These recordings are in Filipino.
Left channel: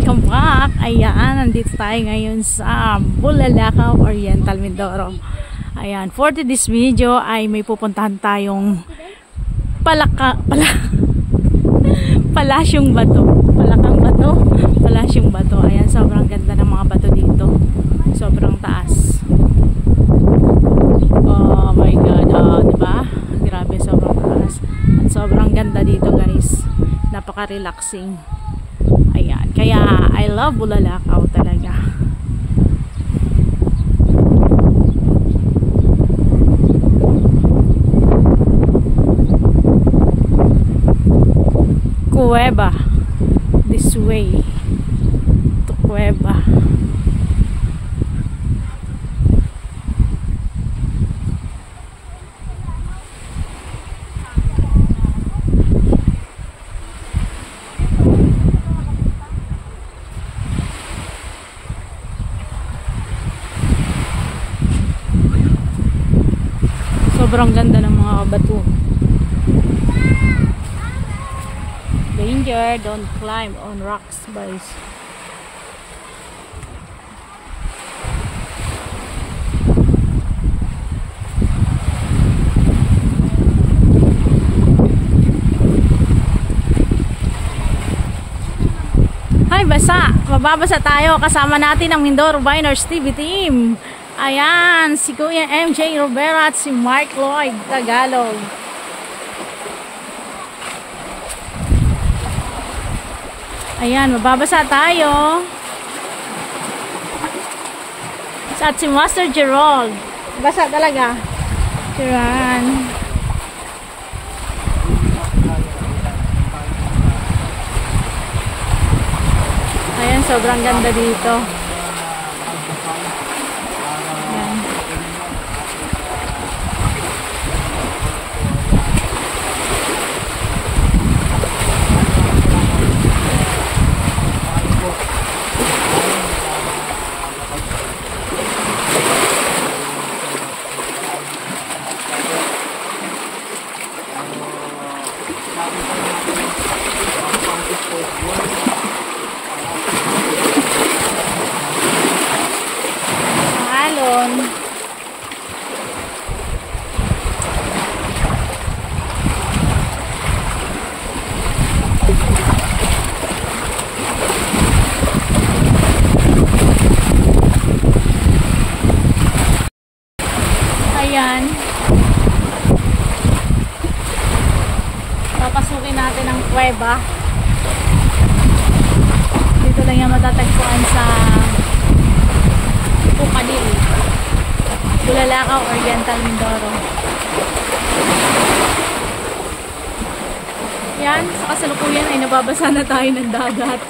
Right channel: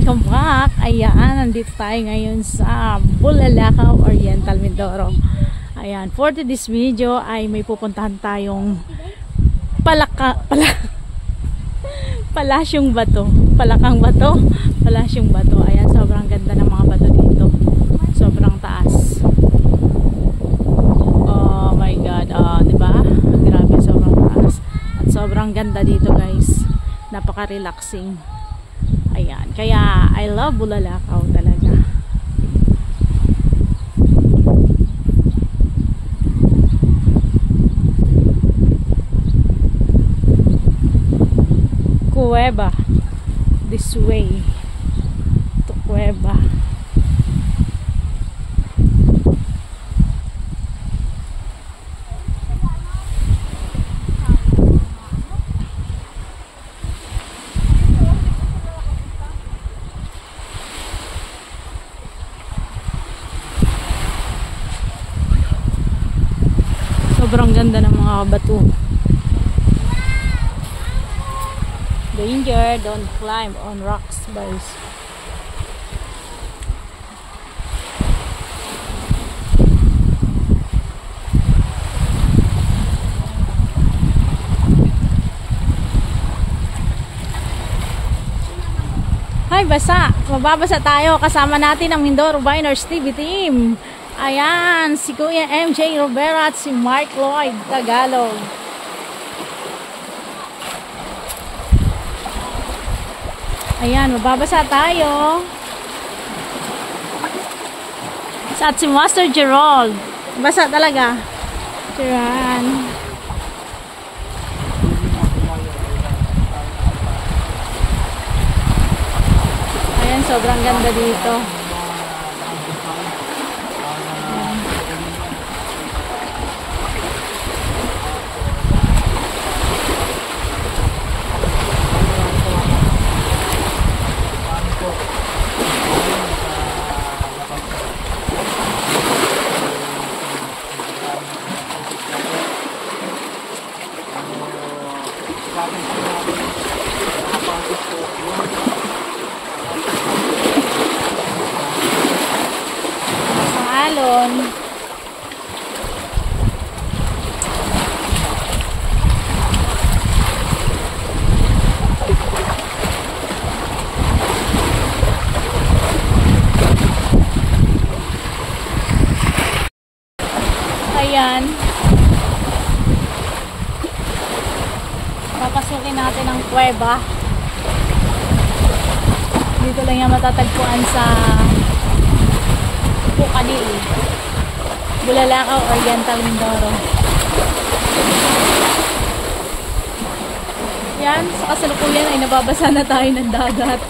welcome back. Ayan, nandito tayo ngayon sa Bulalakaw, Oriental, Mindoro. Ayan, for this video ay may pupuntahan tayong Palasyong Bato. Palakang Bato, Palasyong Bato. Ayan, sobrang ganda ng mga bato dito. Sobrang taas. Oh my God, diba? Grabe, sobrang taas. At sobrang ganda dito, guys. Napaka-relaxing. Ayan, kaya I love Bulalakaw talaga. Cueva, this way to Cueva. Sobrang ganda ng mga bato. Danger, don't climb on rocks, guys. Hi, basa. Mababasa tayo. Kasama natin ang Mindoro Viners TV team. Ayan, si Kuya MJ Rivera at si Mark Lloyd Tagalog. Ayan, mababasa tayo. At si Master Gerald. Basa talaga. Tiran. Ayan, sobrang ganda dito. Alon. Ayan. Papasukin natin ang kuweba. Dito lang yung matatagpuan sa Pukadil, Bulalakaw, Oriental, Mindoro. Yan, sa kasalukuyan ay nababasa na tayo ng dagat.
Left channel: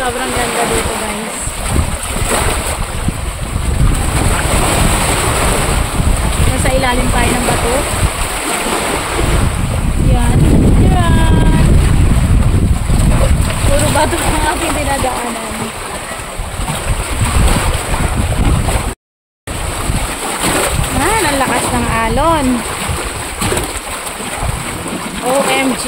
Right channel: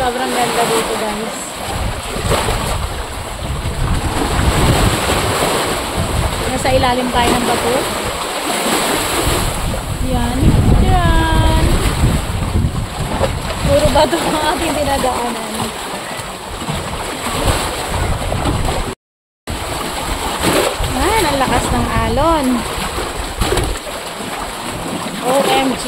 Sobrang ganda dito, guys. Nasa ilalim tayo ng bato. Yan. Yan. Puro bato ang ating dinadaanan. Yan, ang lakas ng alon. OMG.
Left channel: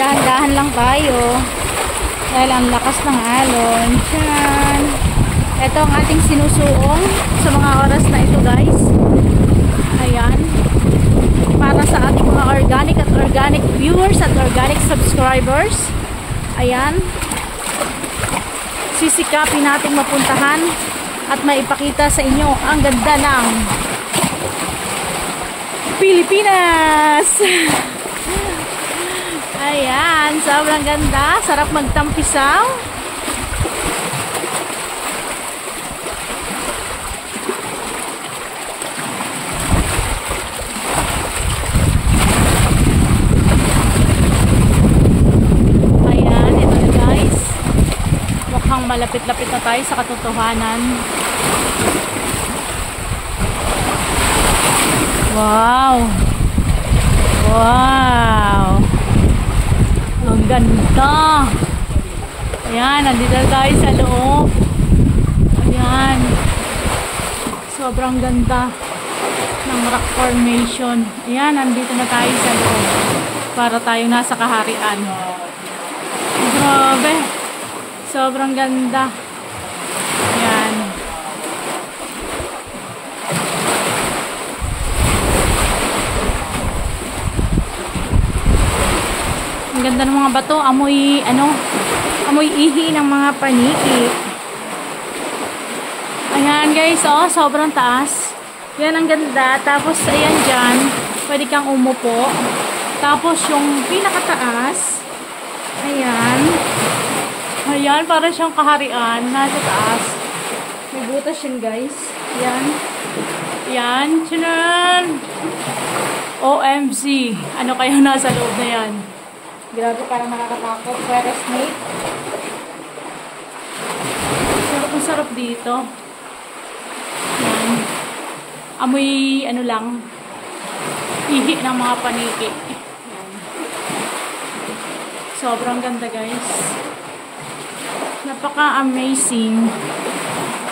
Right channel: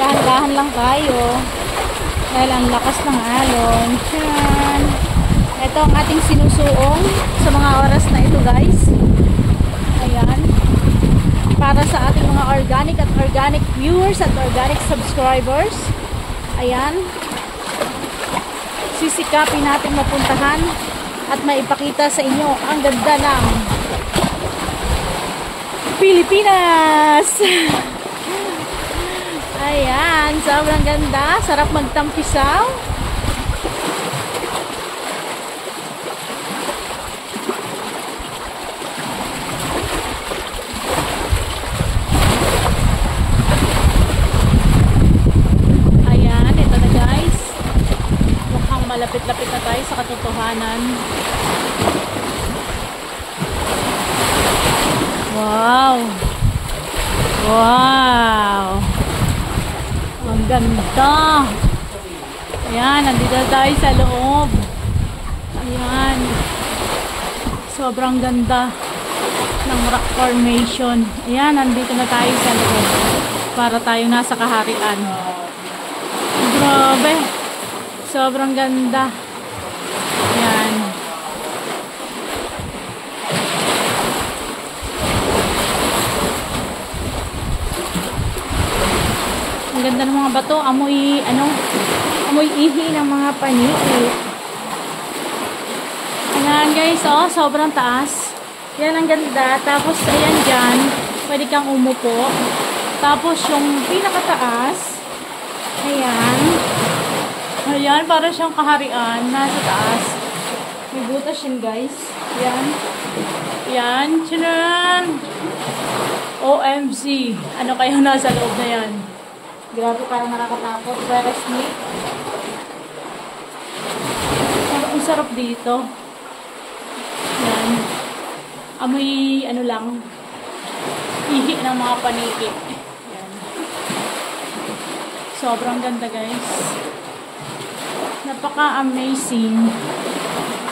Dahan-dahan lang tayo. Dahil ang lakas ng alon. Yan. Ito ang ating sinusuong sa mga oras na ito, guys. Ayan. Para sa ating mga organic viewers at organic subscribers. Ayan. Sisikapin natin mapuntahan at maipakita sa inyo ang ganda ng Pilipinas. Ayan. Sobrang ganda. Sarap magtampisaw. Malapit-lapit na tayo sa katotohanan. Wow! Wow! Ang ganda! Ayan, nandito tayo sa loob. Ayan. Sobrang ganda ng rock formation. Ayan, nandito na tayo sa loob. Para tayo nasa kaharian. Grabe. Sobrang ganda. Ayan. Ang ganda ng mga bato. Amoy, amoy ihi ng mga paniki. Ayan guys, oh, sobrang taas. Yan ang ganda. Tapos, ayan dyan, pwede kang umupo. Tapos, yung pinakataas, ayan. Ayan, para siyang kaharian. Nasa taas. May butas yan, guys. Ayan. Ayan. Tchanan! OMG. Ano kayo nasa loob na yan? Grabe, parang nakakatakot. Forest snake. Ang sarap dito. Ayan. Amoy, lang, ihi ng mga paniki. Ayan. Sobrang ganda, guys. Napaka-amazing.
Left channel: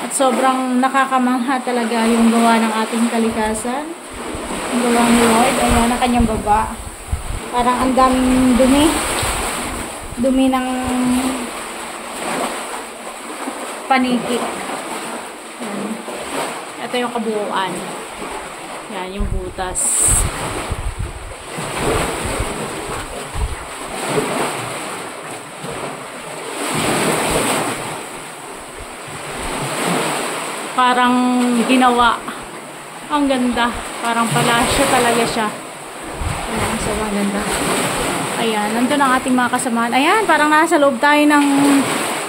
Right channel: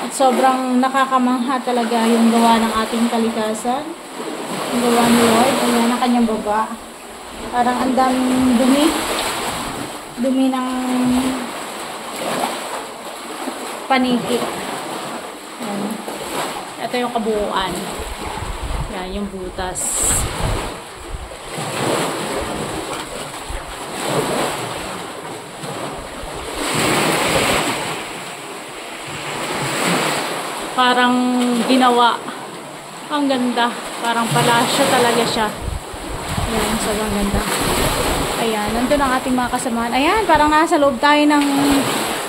At sobrang nakakamangha talaga yung gawa ng ating kalikasan. Yung gawa ni Lord. Ayan, ang kanyang baba. Parang ang daming dumi. Dumi ng paniki. Ayan. Ito yung kabuuan. Yan, yung butas. Parang ginawa. Ang ganda. Parang palasyo talaga siya. Ayan, sobrang ganda. Ayan, nandun ang ating mga kasamahan. Ayan, parang nasa loob tayo ng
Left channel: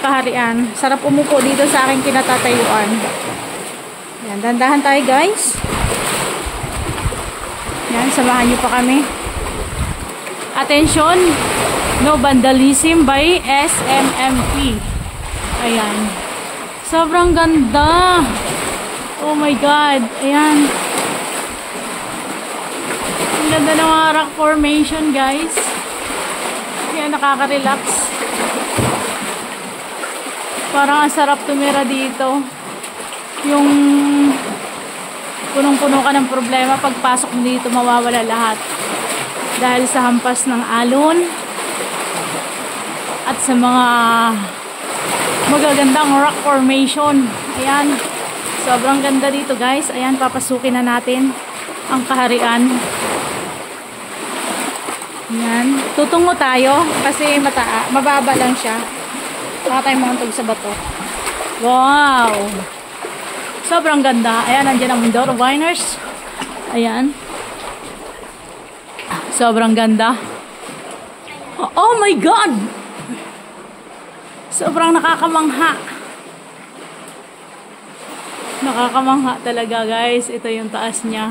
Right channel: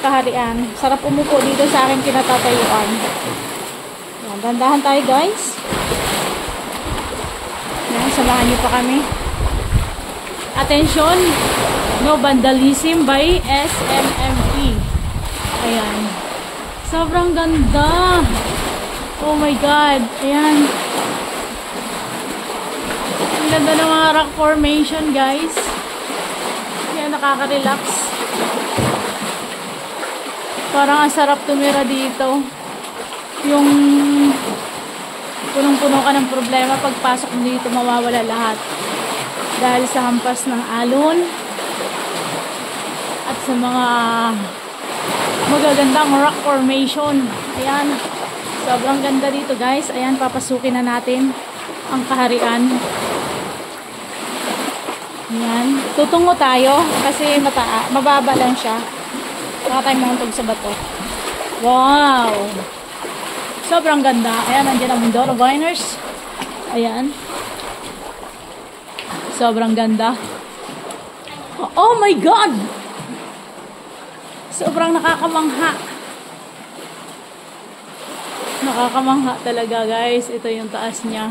kaharian. Sarap umupo dito sa aking kinatatayuan. Ayan, dandahan tayo guys. Ayan, samahan niyo pa kami. Attention, no vandalism by SMMP. Ayan. Sobrang ganda. Oh my God. Ayan. Ang ganda ng mga rock formation, guys. Ayan, nakaka-relax. Parang ang sarap tumira dito. Yung punong-puno ka ng problema, pagpasok mo dito, mawawala lahat. Dahil sa hampas ng alon at sa mga magagandang rock formation. Ayan. Sobrang ganda dito, guys. Ayan, papasukin na natin ang kaharian. Ayan. Tutungo tayo kasi mababa lang siya. Baka tayo mauntog sa bato. Wow! Sobrang ganda. Ayan, nandiyan ang Mindoro Viners. Ayan. Sobrang ganda. Oh my God! Sobrang nakakamangha. Nakakamangha talaga, guys. Ito yung taas niya.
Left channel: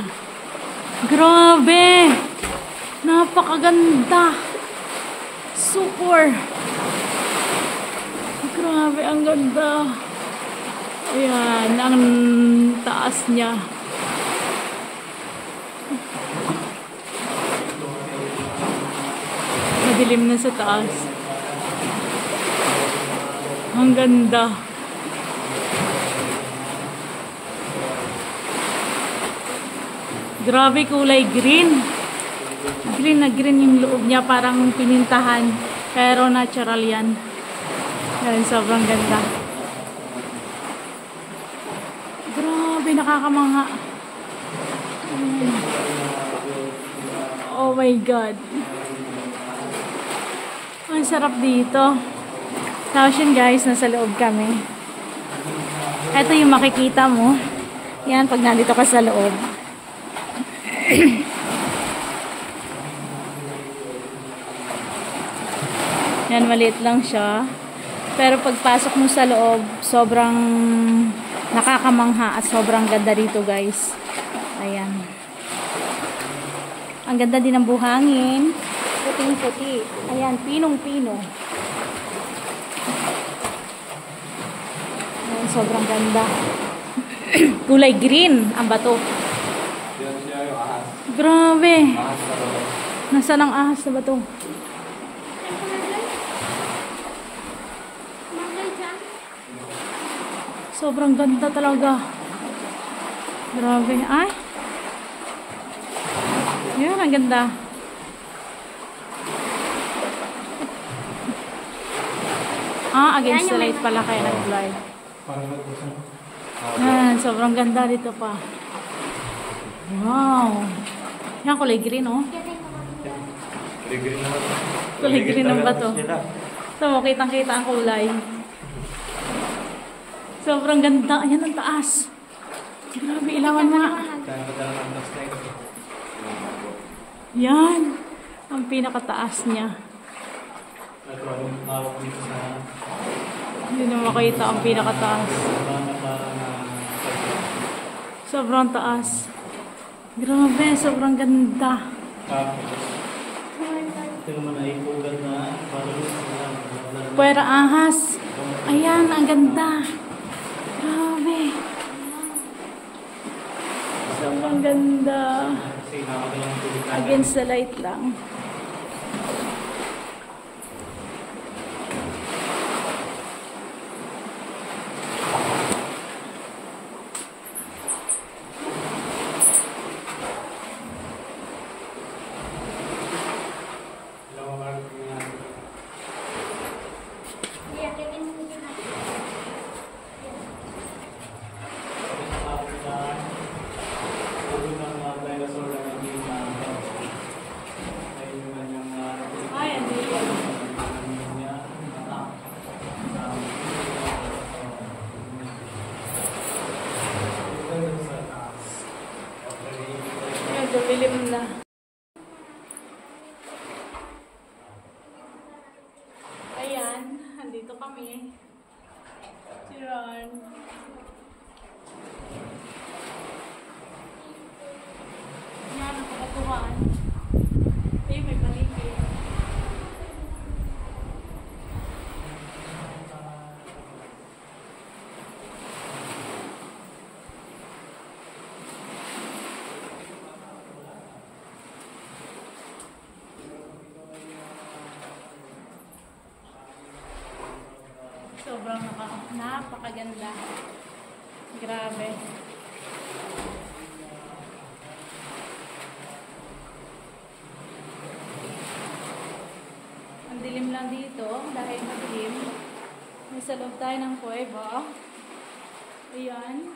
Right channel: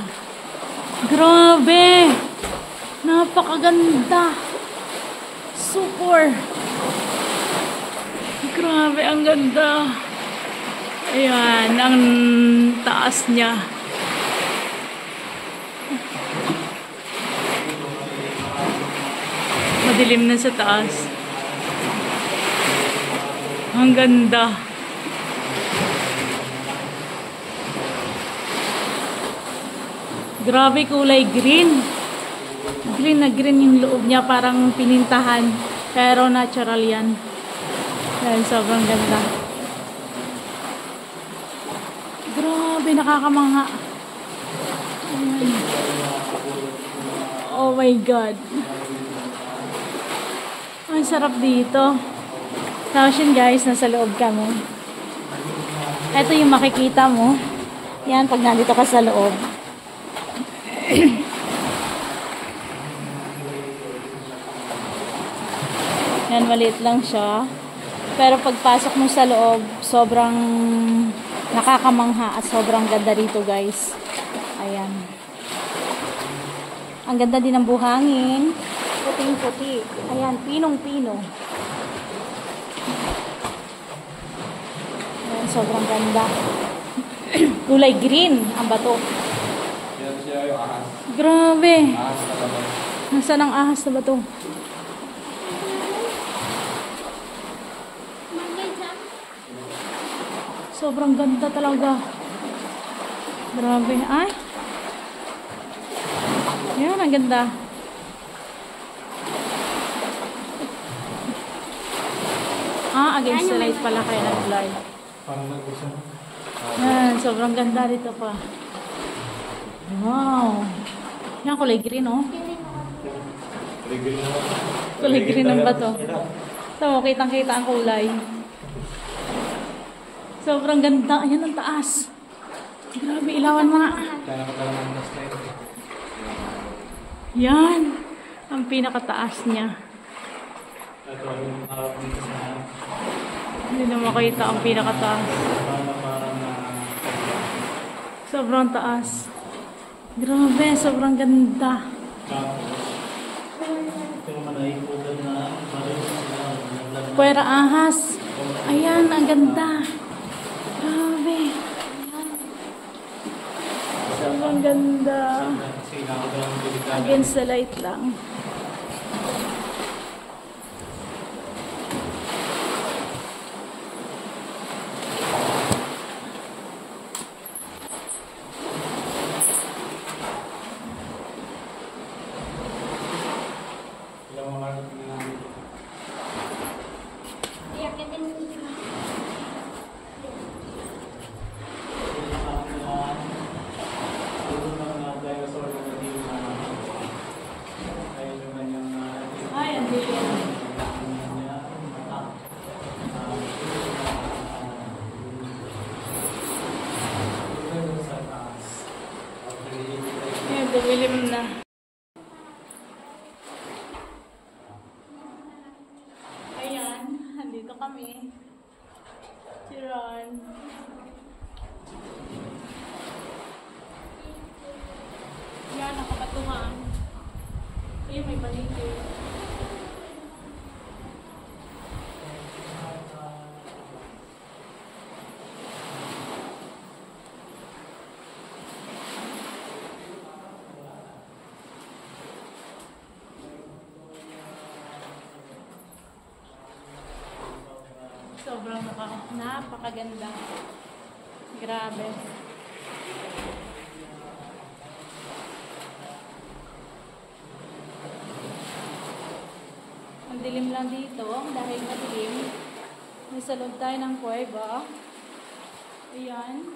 Grabe! Napakaganda. Super. Grabe, ang ganda. Ayan, ang taas niya. Madilim na sa taas. Ang ganda. Grabe, kulay green. Green na green yung loob niya. Parang pinintahan. Pero natural yan. Yan, sobrang ganda. Grabe, nakakamangha. Ayan. Oh my God. Ang sarap dito. Tapos yun guys, nasa loob kami. Ito yung makikita mo. Yan, pag nandito ka sa loob. Yan, maliit lang siya. Pero pagpasok mo sa loob, sobrang nakakamangha at sobrang ganda dito guys. Ayan. Ang ganda din ng buhangin. Puting-puti. Ayan, pinong-pino. Ayan, sobrang ganda. Kulay green ang bato. Grabe. Nasaan ang ahas na bato? Sobrang ganda talaga. Grabe. Ay. Yan, ang ganda. Against the light pala kaya nag-blur. Yan, sobrang ganda dito pa. Wow. Yan, kulay green, oh. Kulay green ng bato. So, kitang-kita ang kulay. Sobrang ganda. Ayan, ang taas. Grabe, ilawan mo nga. Yan. Ang pinakataas niya. Hindi na makita ang pinakataas. Sobrang taas. Grabe, sobrang ganda. Puwera ahas. Ayan, ang ganda. Grabe. Sobrang ganda. Against the light lang. Dumilim na. Ayan, andito kami. Chiron. Ayan, nakakatuhan. Ay, may paligid. Sobrang napakaganda. Grabe. Ang dilim lang dito dahil madilim. Nasa loob tayo ng kuweba. Ayan.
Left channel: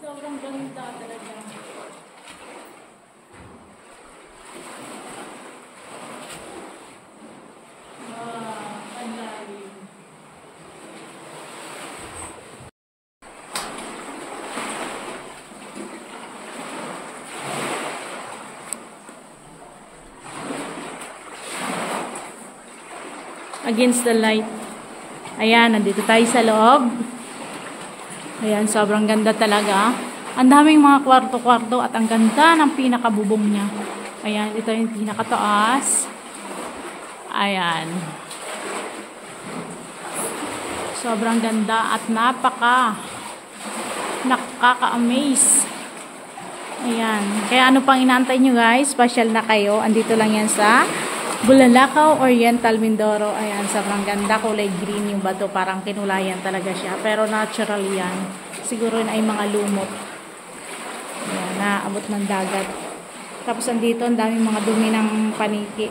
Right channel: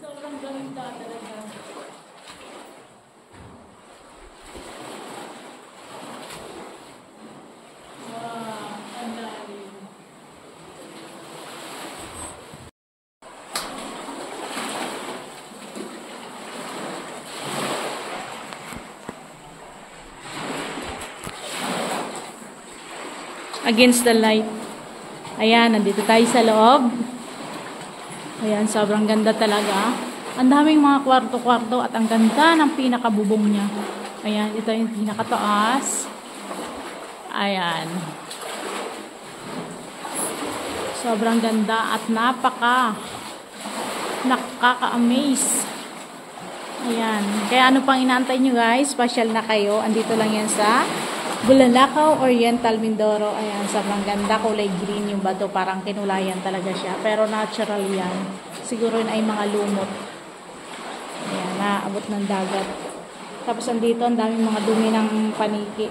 Sobrang ganda talaga. Against the light. Ayan, nandito tayo sa loob. Ayan, sobrang ganda talaga. Ang daming mga kwarto-kwarto at ang ganda ng pinakabubong niya. Ayan, ito yung pinakataas. Ayan. Sobrang ganda at nakaka-amaze. Ayan. Kaya ano pang inaantay nyo guys? Special na kayo. Andito lang yan sa Bulalakaw, Oriental, Mindoro. Ayan, sobrang ganda. Kulay green yung bato. Parang kinulayan talaga siya. Pero natural yan. Siguro yun ay mga lumot. Ayan, naabot ng dagat. Tapos andito, ang daming mga dumi ng paniki.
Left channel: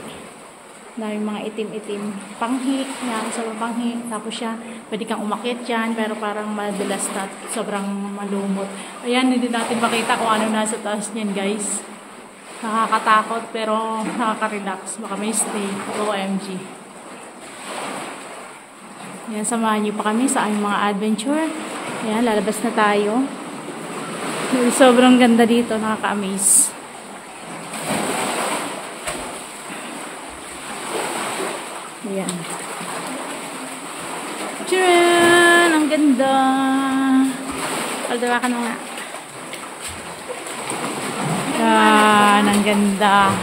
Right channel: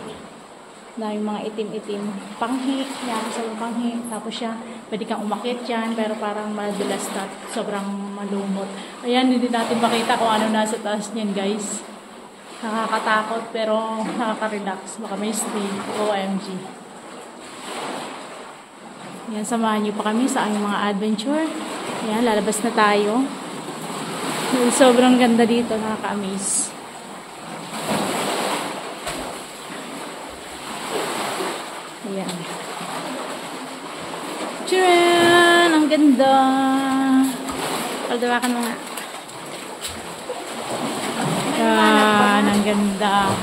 Daming mga itim-itim. Panghi. Yan, sobrang panghi. Tapos siya, pwede kang umakyat dyan. Pero parang madulas na. Sobrang malumot. Ayan, hindi natin makita kung ano nasa taas niyan guys. Nakakatakot pero nakaka-relax. Baka may stay. OMG. Yan, samahan niyo pa kami sa aming mga adventure. Yan, lalabas na tayo. Sobrang ganda dito. Nakaka-amaze. Ayan. Tcharan! Ang ganda! Paldawakan mo nga. Yan, ang ganda.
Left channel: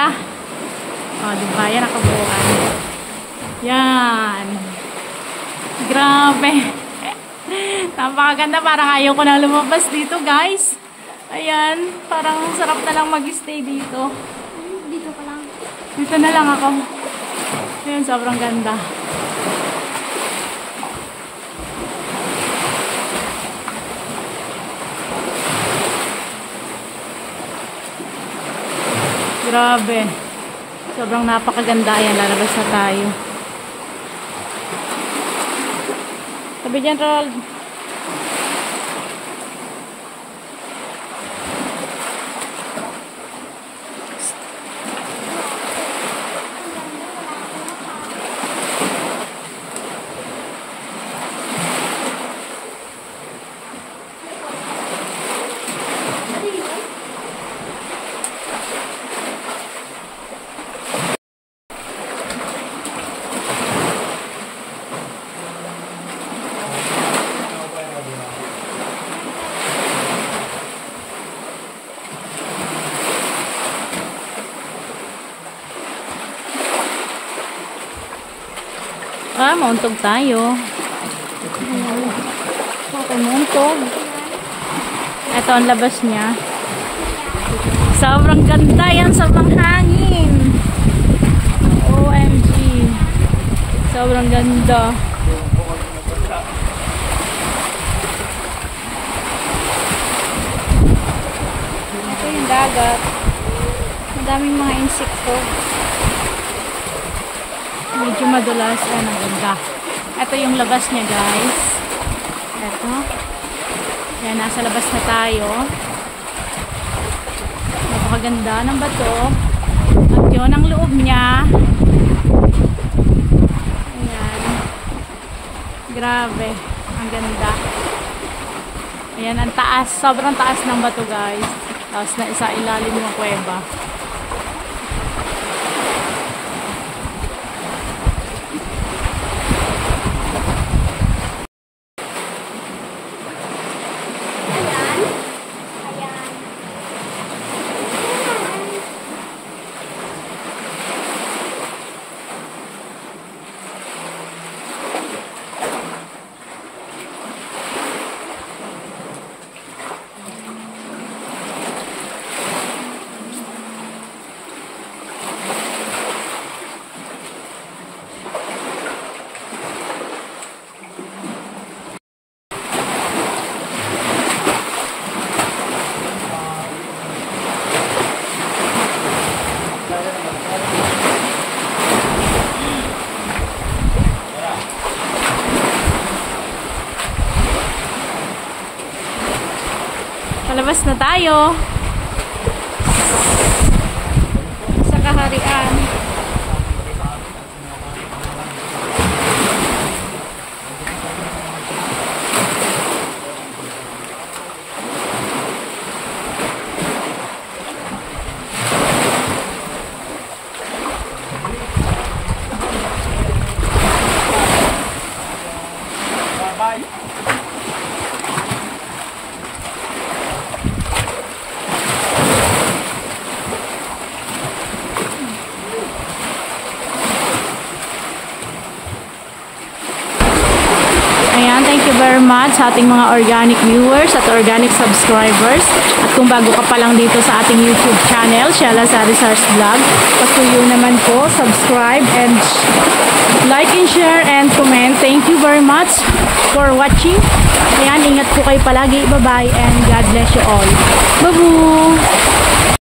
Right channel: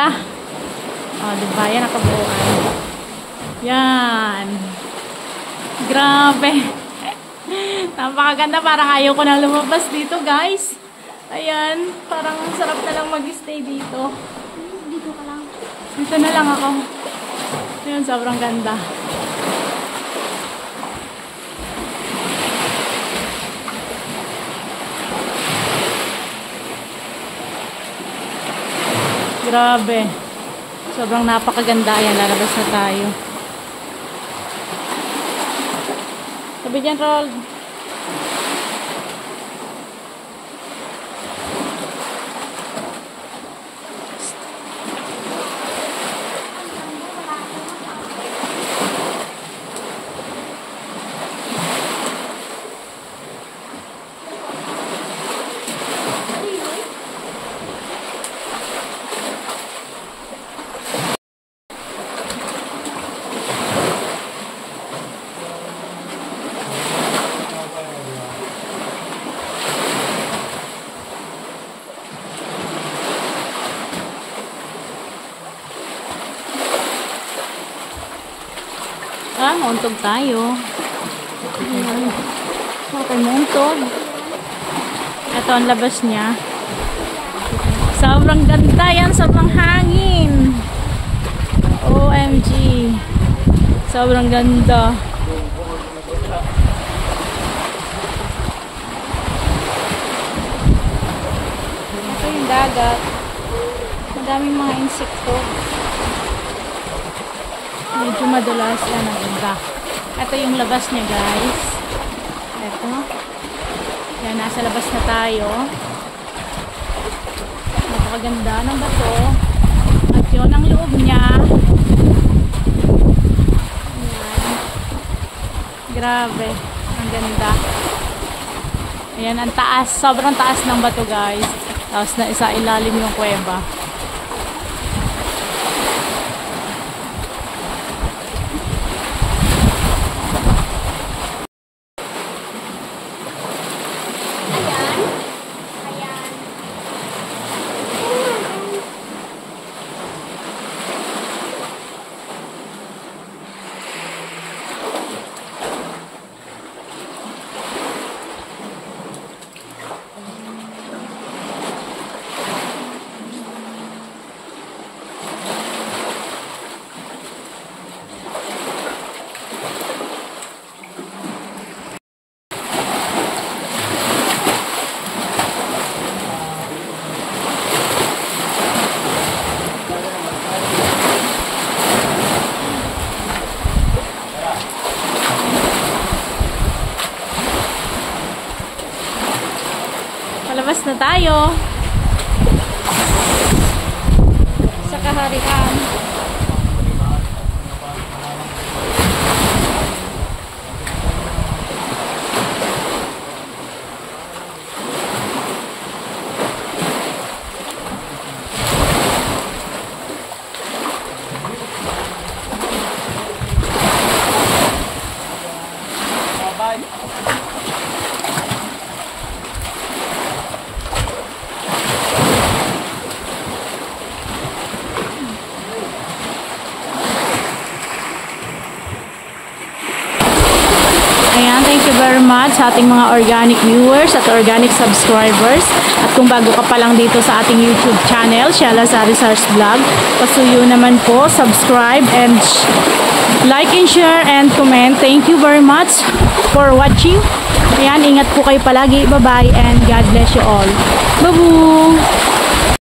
ganda. Oh, diba? Yan ang kabuuan. Yan. Grabe. Napakaganda. Parang ayaw ko nang lumabas dito, guys. Ayan. Parang sarap na lang mag-stay dito. Dito ka lang. Dito na lang ako. Ayan, sobrang ganda. Grabe. Sobrang napakaganda. Ayan, lalabas na tayo. Sabi dyan, Rol. Ah, mauntog tayo. Ayan. Okay, mauntog. Ito ang labas niya. Sobrang ganda yan. Sobrang hangin. OMG. Sobrang ganda. Ito yung dagat. Madaming mga insekto. Medyo madulas yan ang ganda. Ito yung labas niya, guys. Ito. Yan, nasa labas na tayo. Napakaganda ng bato. At yun ang loob niya. Ayan. Grabe. Ang ganda. Ayan, ang taas. Sobrang taas ng bato, guys. Tapos na isa ilalim yung kuweba. Palabas na tayo sa kaharian. Bye. Ayan, thank you very much sa ating mga organic viewers at organic subscribers. At kung bago ka pa lang dito sa ating YouTube channel, Shella Sarisars Vlog, pasuyo naman po, subscribe and like and share and comment. Thank you very much for watching. Ayan, ingat po kayo palagi. Bye-bye and God bless you all. Babu!